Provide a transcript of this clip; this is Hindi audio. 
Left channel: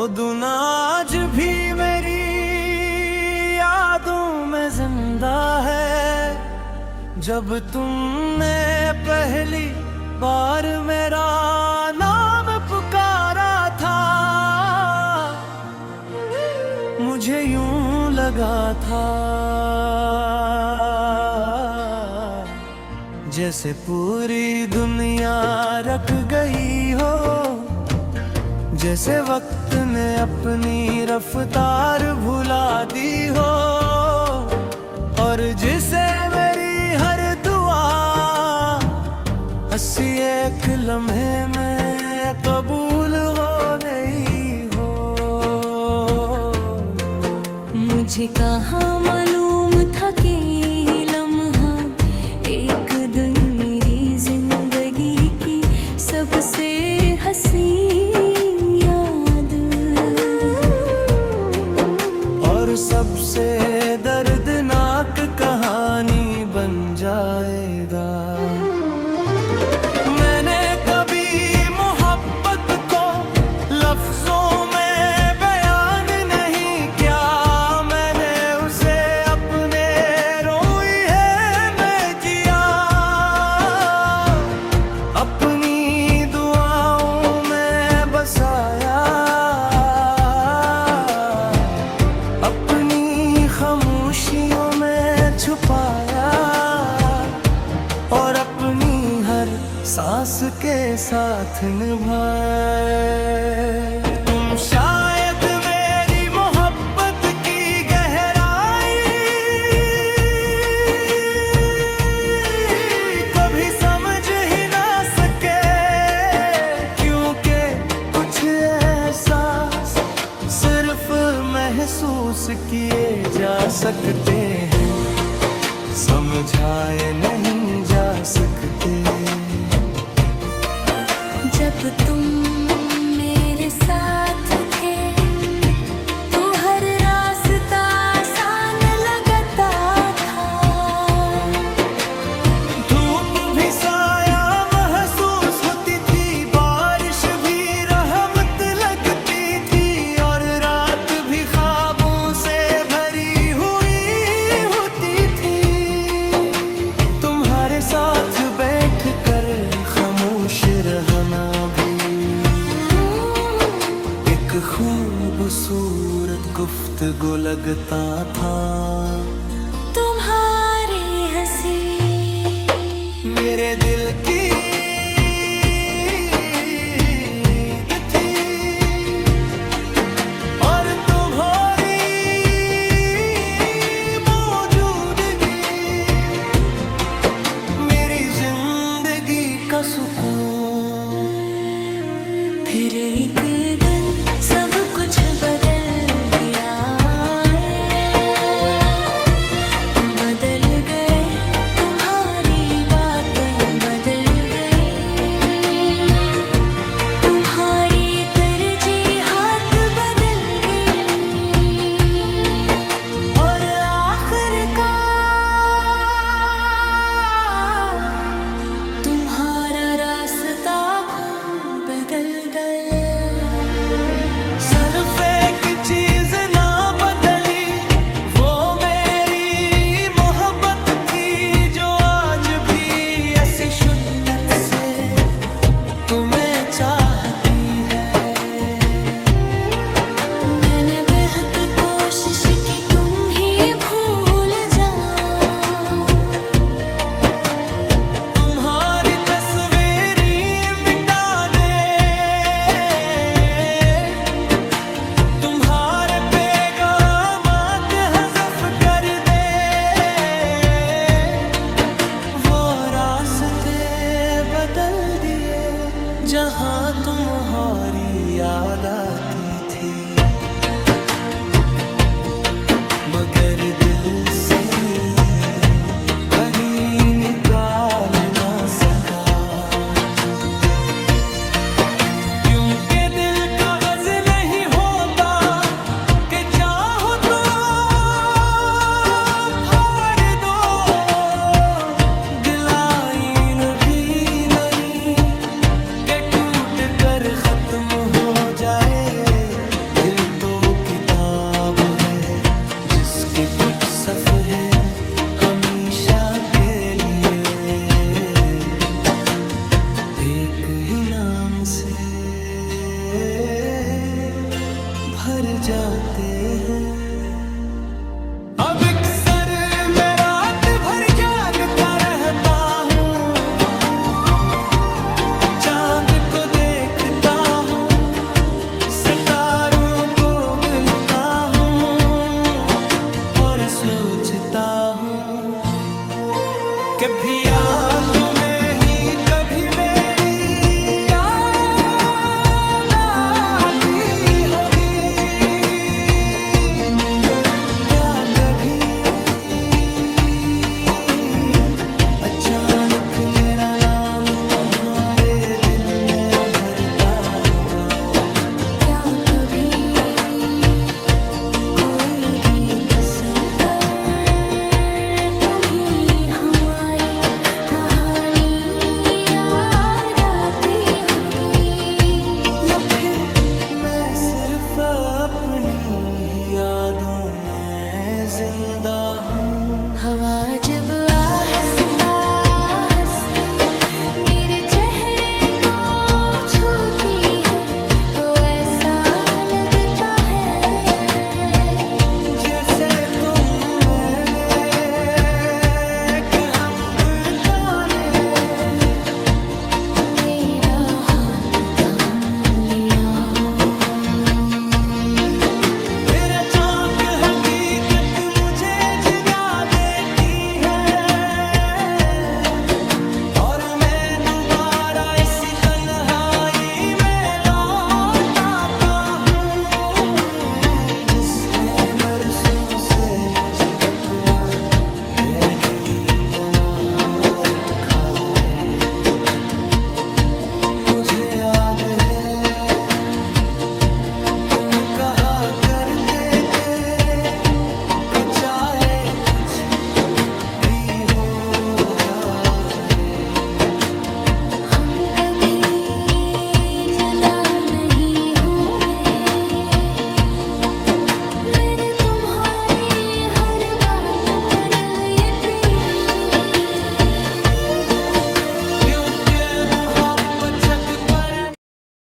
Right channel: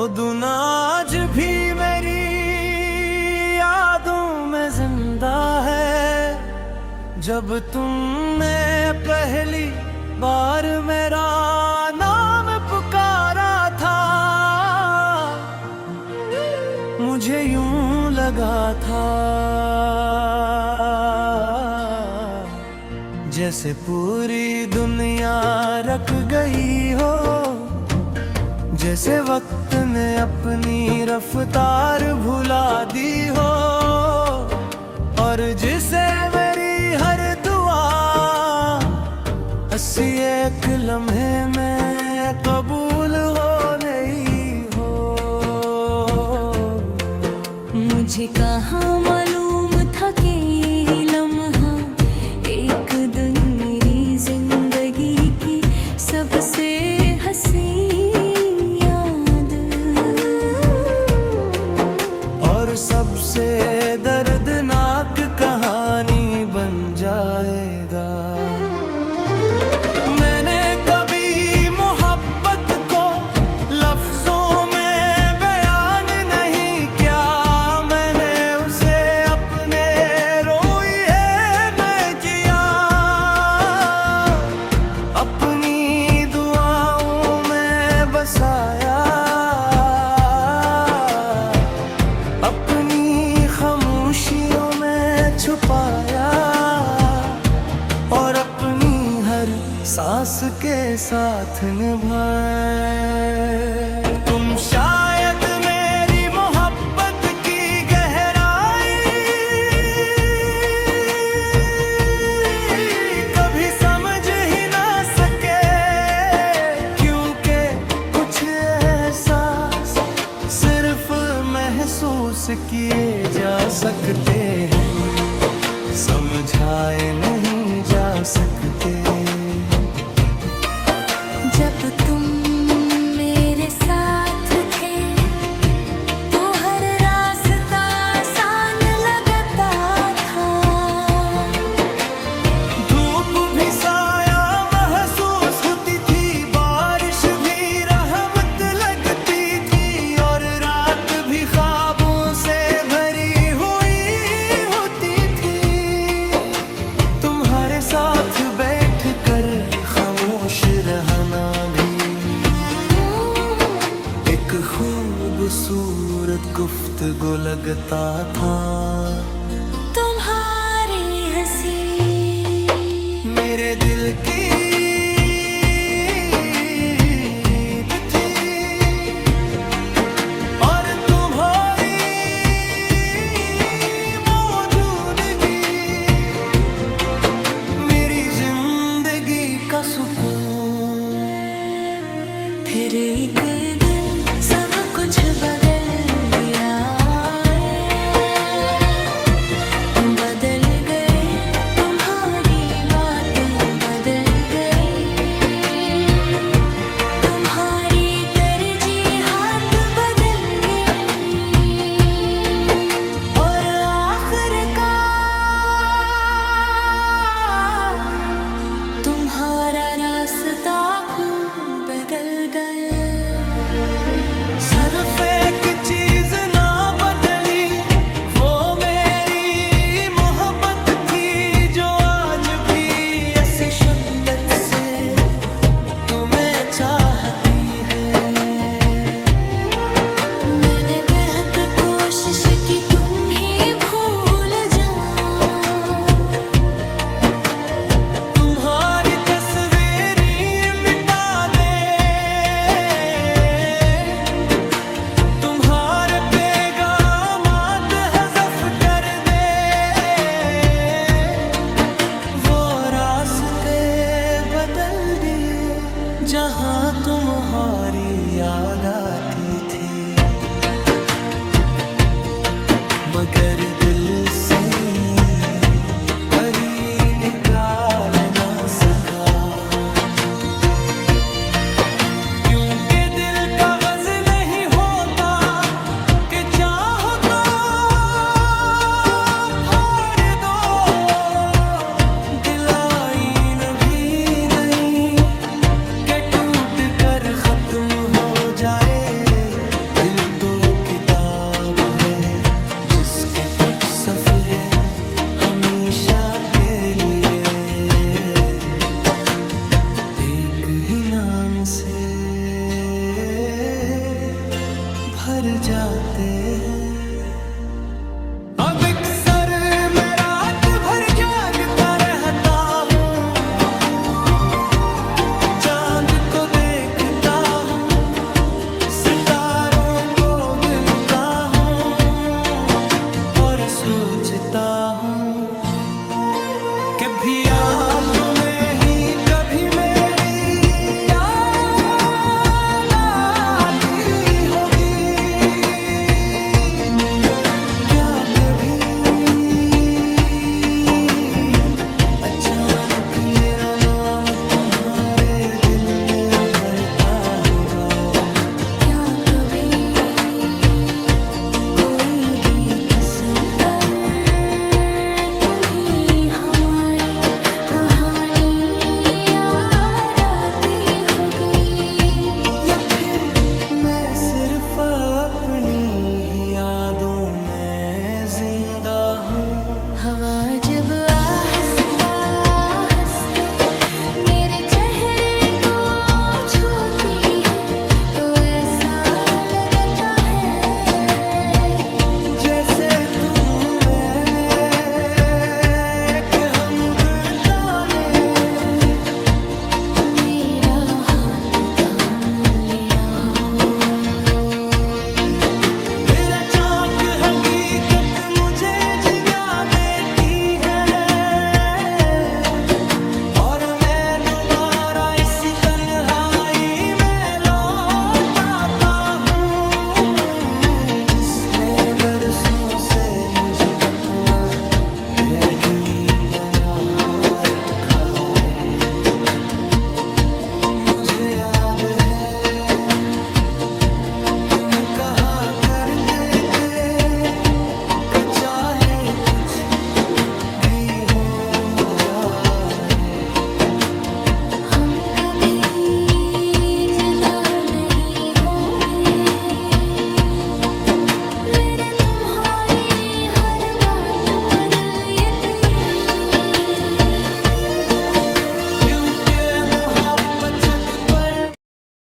वो दिन आज भी मेरी यादों में जिंदा है, जब तुमने पहली बार मेरा नाम पुकारा था। मुझे यूं लगा था जैसे पूरी दुनिया रख गई हो, जैसे वक्त ने अपनी रफ्तार भुला दी हो, और जिसे मेरी हर दुआ हंसी एक लम्हे में कबूल हो गई हो। मुझे कहाँ मालूम था कि ये लम्हा एक दिन मेरी जिंदगी की सबसे हसीन याद और सबसे दर्दनाक कहानी बन जाएगा। मैंने कभी मोहब्बत को लफ्जों में बयान नहीं किया, मैंने उसे अपने रोए में किया, अपनी दुआओं में बसाया, अपनी खामोशियों में छुपाया, और अपनी हर सांस के साथ निभाए। तुम शायद मेरी मोहब्बत की गहराई कभी समझ ही ना सके, क्योंकि कुछ एहसास सिर्फ महसूस किए जा सकते हैं, समझाए नहीं जा सकते। जब तुम मेरे साथ थे तो हर रास्ता आसान लगता था, धूप भी साया महसूस होती थी, बारिश भी रहमत लगती थी, और रात भी ख्वाबों से भरी हुई होती थी। तुम्हारे साथ बैठ कर खामोश रहना भी एक खूबसूरत गुफ्तगू लगता था। तुम्हारी हंसी मेरे दिल की ईद थी, और तुम्हारी मौजूदगी मेरी जिंदगी का सुकून। फिर एक दिन सब कुछ बदल गया, तुम बदल गए, तुम्हारी बातें बदल गई, तुम्हारी तरजीहात बदल गई, और आखिरकार तुम्हारा रास्ता बदल गया। सिर्फ एक चीज ना बदली, वो मेरी मोहब्बत थी, जो आज भी ऐसी शिद्दत से तुम्हें चाहती है। मैंने बेहद कोशिश की तुम ही भूल जाओ, तुम्हारी तस्वीर ही मिटा दे, तुम्हारे पैगामात हज़फ कर दे, वो रास्ते बदल दिए जहाँ तुम्हारी याद आती थी, मगर दिल से कभी निकाल ना सका, क्योंकि दिल कागज नहीं होता कि चाहो तो फाड़ दो, दिल आईन भी नहीं कि टूट कर खत्म हो जाए, दिल तो वो किताब है जिसके कुछ सफ़े हमेशा के लिए एक ही नाम से भर जाते हैं। अब एक सर में रात भर जागता रहता हूँ, चांद को देखता हूँ, सितारों को गिनता हूँ और सोचता हूँ कभी यादों में ही कभी मेरी याद आती होगी, क्या कभी अचानक मेरा नाम तुम्हारे दिल में भरता होगा। क्या कभी कोई गीत सुनकर तुम्हें हमारी कहानी याद आती होगी, या फिर मैं सिर्फ अपनी ही यादों में जिंदा हूँ। हवा जब आहिस्ता आहिस्ता मेरे चेहरे को छूती है तो ऐसा लगता है जैसे तुम मैंने एक हम बिरताने मेरा हाथ थाम लिया हो। फिर अचानक हकीकत मुझे जगा देती है और मैं दोबारा इसी तन्हाई में लौट आता हूँ जिसने बरसों से मुझे अपना कैदी बना रखा है। मुझे याद है तुम कहा करते थे कि चाहे कुछ भी हो जाए हम कभी